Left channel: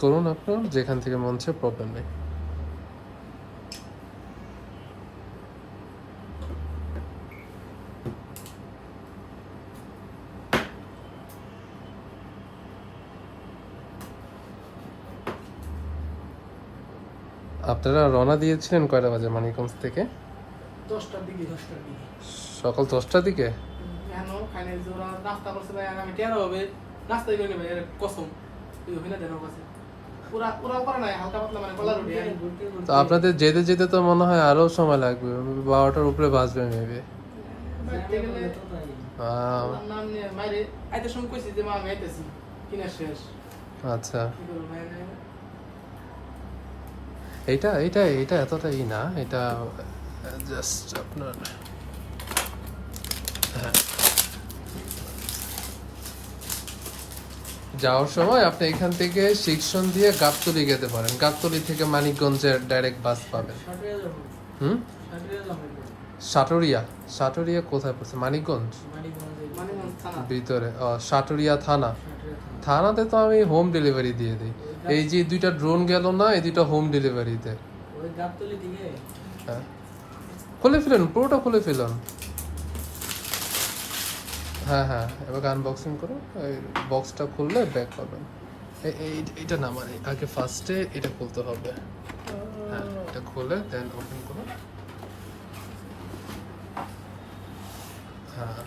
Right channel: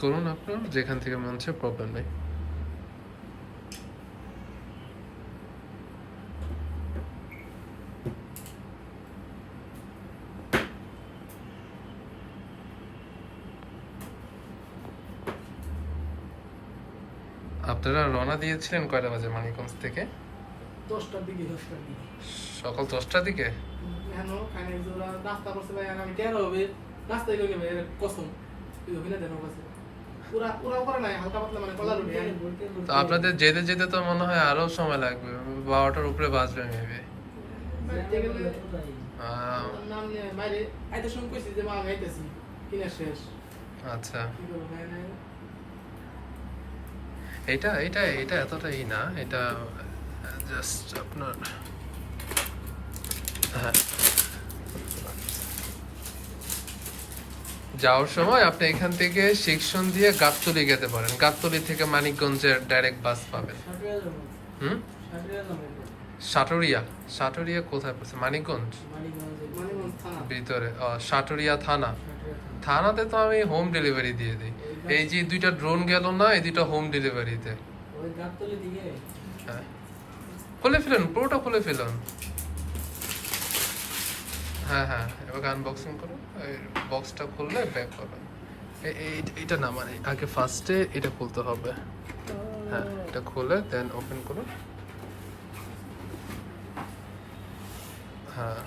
করুন আপনার যেখান থেকে মন চায়, প্রবলেম নেই। আপনারা রওনা দিয়েছিলেন কয়টা বাজে মানিকগঞ্জ থেকে? 10টার দিকে। সকাল 10টার দিকে। নাস্তা করছে ভাই, আমি টেরো হবে নাস্তা দিলে ভাই কসম এই হইনা দেন কাছে পুরা পুরা করে নাই, হালকা পাতলা মানে কলা রুটি। তো আপনাদের যেতে যেতে তো মনে হয় আরো সময় লাগবে, 12টার উপরে বাজবে মেবি। নাম নিয়ে মাইরে আইতে শুন কইছি যে মা আমি আইতেছি কিনা শেষ। আচ্ছা, কি করব ভাই? এটা এতটাই না, এটা জাস্ট আপনার যাওয়ার সময় আপনি এখান থেকে শিক্ষণ দিয়ে গাবতলী যেতে পারেন, গাবতলী থেকে মানিকগঞ্জের ডাইরেক্ট বাস পাবেন। সাটুরিয়া কোথায় পড়ছে? মানিকগঞ্জ ভিতরে। সাটুরিয়া থানাতে তো আমি হোম ডেলিভারি দিয়ে দিই। এই যে 2টা ড্রোন গেল না, এই 2টা হোম ডেলিভারিতে। হ্যাঁ, খুলে ফেলুন, পুরোটা খুলে ফেলুন। হ্যাঁ, এবার আনবক্সিং করুন। ওই বক্সটা খুললে ব্যাক হবে। এটা না, মানে আগে ফার্স্টে এটা খুলতে হবে। হ্যাঁ, এটা খুলে দেন ওপেন করুন। হ্যাঁ,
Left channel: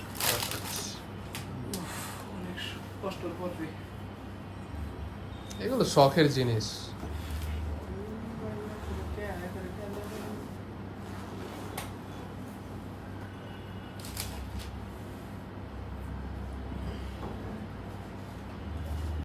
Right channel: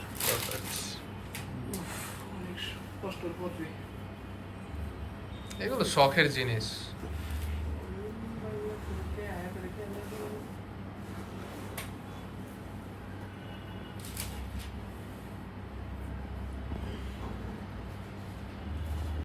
এগুলো শখের জিনিস।